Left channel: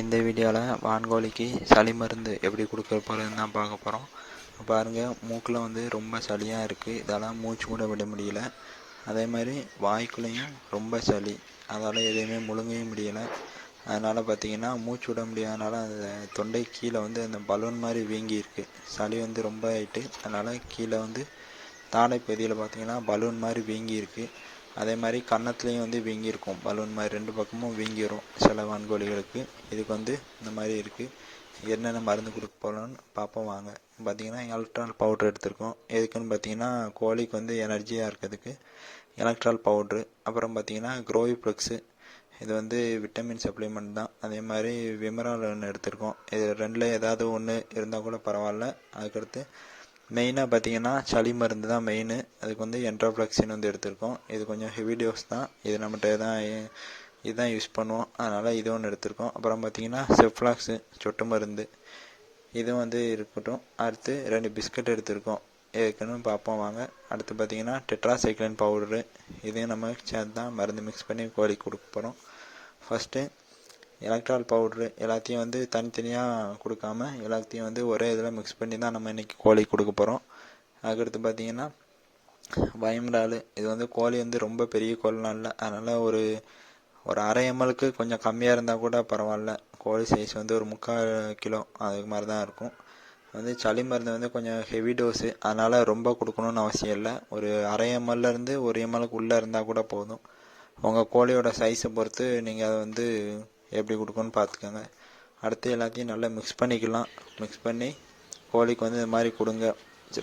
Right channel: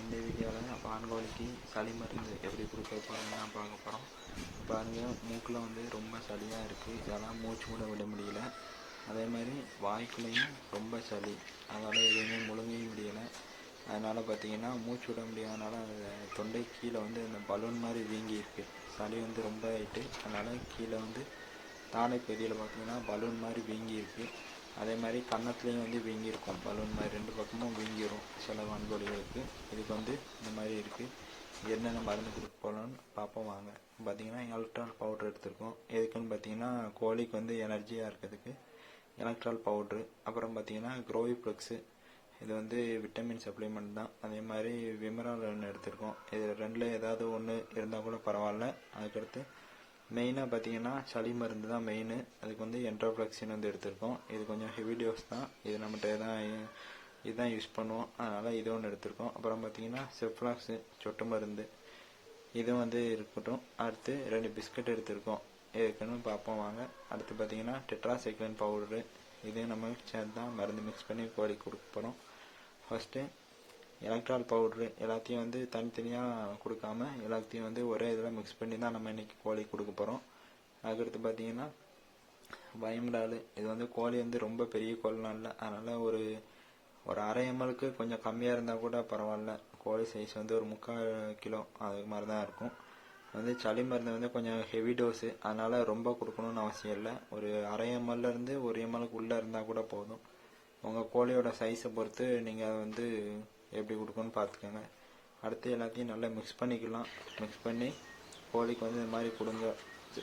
இந்த வீடியோவில் வான்கோழிக்கு சளி மருந்து எப்படி கொடுக்க போகிறதுன்னு தான் பார்க்க போகிறோம். பாருங்கள், மூக்கில் வந்து ரொம்ப சளியாக இருக்குது. இதெல்லாம் மூச்சு கூட விட முடியல. அதே மாதிரி வாய்க்குள்ளேயும் ரொம்ப சளி, அதால் எதுவுமே முழுங்கவே முடியலை. அதனால் பார்த்திங்கன்னா மூச்சு விட முடியாதனால அந்த தொண்டை கீழே வந்து அந்த பலூன் மாதிரி வீங்கி இருக்குது. சளி வந்து ரொம்ப ஆகிட்டு, அதனால் கீழே வந்து தாடை பகுதியில் பார்த்திங்கன்னா பலூன் மாதிரி வீங்கி இருக்குது. அதே மாதிரி கன்னத்துலேயும் வந்து வீங்கியிருக்கும், பலூன் மாதிரி 2 பக்கமும் வீங்கிடும் சில வான்கோழிகளுக்கு. இதுக்கு வந்து இந்த மாதிரி இருக்குது. என்னென்ன மருந்து கொடுக்க போகலான்னு பார்ப்போம் வாங்க. பார்த்திங்கன்னா எலக்ட்ரால் பவுட்ரு எடுத்திருக்கோம். எதுக்குன்னு பார்த்திங்கன்னா கோழிக்கு வந்து எனர்ஜியாக இருக்கிறதுக்கு எலக்ட்ரால் பவுட்ரு. அப்புறம் பார்த்திங்கன்னா க்ரோவிப்ளெக்ஸு, இது வந்து விட்டமின் சப்ளிமெண்ட் தான். அதே மாதிரி விமரால் ஒன்று எடுத்திருக்கோம். இது ரெண்டில் ஏதாவது ஒன்று இருந்தால் கூட பரவாயில்ல. அதுக்கடுத்து மெயினாக பார்த்தீங்கன்னா சளி மருந்து தான் மெயின். அதுக்கு வந்து என்ட்ரோஃப்ளெக்சின் வந்து எடுத்திருக்கோம். இது கொஞ்சம் ஹெவி டோஸ் தான். இது நம்மகிட்ட தான் இதுதான் யூஸ் பண்ணுவோம், அதனால் இது ஒன்று எடுத்திருக்கோம். அப்புறம் பார்த்தீங்கன்னா செஃப்ளாக்ஸு சொட்டு மருந்து, இதுவும் வந்து இருக்கட்டும். அடுத்து 2 பிஸ்கட் எடுத்திருக்கோம். எதுக்குன்னு பார்ப்போம் வாங்க. அடுத்து பார்த்தீங்கன்னா டெட்ராசைக்ளின் பவுடரு, இதையும் நம்ம சேர்த்து தான் மருந்து மிக்ஸ் பண்ணி கோழி கொடுக்க போகிறோம். ஃபஸ்ட்டு எலக்ட்ரால் பவுட்ரு எல்லாத்தையும் வந்து தனித்தனியாக கொடுக்காம எல்லாத்தையும் வந்து ஒரே இதில் மிக்ஸ் பண்ணி தான் நம்ம இன்றைக்கி கோழி கொடுக்க போகிறோம். அதுக்கடுத்து பார்த்திங்கன்னா வைம்டால், இது வந்து கோழி வந்து ரொம்ப பெரிய கோழிலாம் இல்லை, அதனால் ஒரு அரை எம்எல்க்கு கொஞ்சம் கம்மியாக இருந்தால் கூட பரவாயில்ல. கோழி சைஸ் வந்து ஒரு 3/4 கிலோ அதுக்கு மாதிரி தான் இருக்கும். வந்து சளி மருந்து வந்து கொஞ்சம் ஹெவி டோஸு, அதனால் ரொம்ப கொடுக்கணுன்னு அவசியம் இல்லை. ஒரு அரை எம்எல்லேருந்து 1 எம்எல்க்கு உள்ளே இருந்தால் கூட போதும். உங்கள் கோழியோட சைஸை பொறுத்து நீங்கள் அதை வந்து எப்படி கொடுக்கணும்னு பார்த்துக்கோங்க. அடுத்து எல்லாத்தையும் நல்லா மிக்ஸ் பண்ணிக்கலாம். மிக்ஸ் பண்ணி கோழிக்கு வந்து இது மாதிரி கொடுங்க.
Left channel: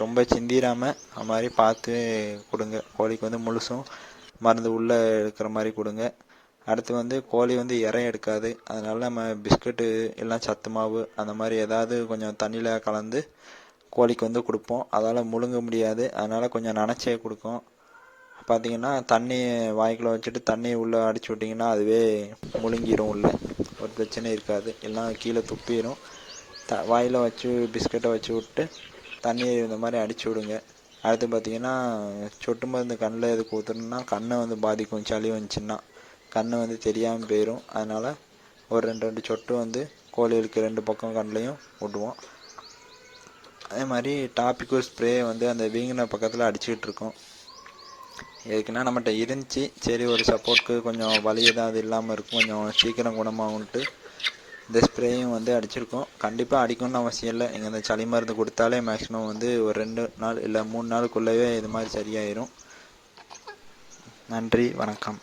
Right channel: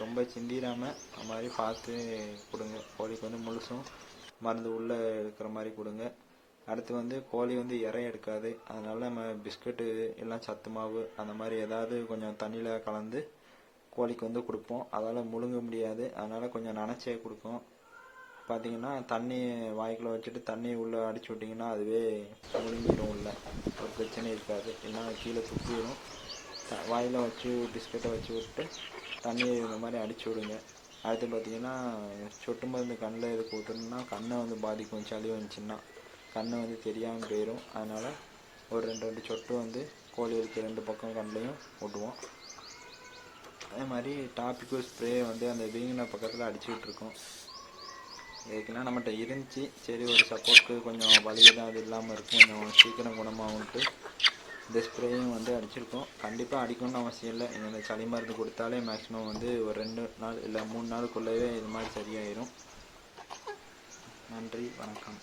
ரொம்ப சிந்திராமல் அது மாதிரி பார்த்து கொடுங்க. கோழிக்கு வந்து முழுசும் மருந்து உள்ளே எடுக்கிற மாதிரி கொடுங்க. அடுத்து வந்து கோழி வந்து இறை எடுக்காது, அதனால் நம்ம பிஸ்கட்டு எல்லாம் சத்து மாவு அந்த மாதிரி ஏதாவது கொஞ்சம் தண்ணியில் கலந்து கோழிக்கு வந்து கொடுப்போம். அதால் முழுங்க முடியாது, அதனால் கொஞ்சம் நனைச்சே கொடுக்கும். பார்த்திங்கன்னா தண்ணி வாய்க்குள்ளே வச்சுட்டு தண்ணியை உள்ளே அடிச்சு விட்டிங்கன்னா அதுவே முழுங்கிடும். உள்ளே ஒரு பிரச்சனை இருக்காது, எல்லாம் கீழே துப்பிடும். வாயில் வச்சு பிஸ்கட்டை வச்சு விட்டு தண்ணியை இந்த மாதிரி அடிச்சு விடுங்க. அடுத்து பார்த்திங்கன்னா சொட்டு மருந்து கண்ணில் எதுக்கு ஊற்றணுன்னா கண்ணை வந்து பாதிக்கும். சளி வந்துச்சுன்னா கண் வந்து தெரியாமல் போயிடும். அதனால் ஒரு 2 சொட்டு வந்து கோழிகளுக்கு 2 பக்கம் கண்ணிலையும் விடுவோம். அதே மாதிரி டாபிக்கோ ஸ்ப்ரே வந்து அந்த வீங்கின பக்கத்தில் அடிச்சுக்கிட்டு இருக்கோம். எதுக்குன்னா நம்மகிட்ட இருந்துச்சு, சரி ஒரு சப்போர்ட்டுக்கு கொஞ்சம் வலி ஏதாவது இல்லாமல் இருக்கும், கொஞ்சம் சீக்கிரம் குணமாகும்ட்டு இந்த ஸ்ப்ரேயும் வந்து அடிச்சிருக்கோம். கண்டிப்பாக அடிக்கணும்னு அவசியம் இல்லை. எங்கள் இந்த சளி மருந்து கொடுத்தாலே மேக்ஸிமம் வந்து ஒரு 2 நாள் இல்லை 3 நாளுக்குள்ளவே இது மாதிரி சரியாயிடும். நன்றி, வணக்கம்.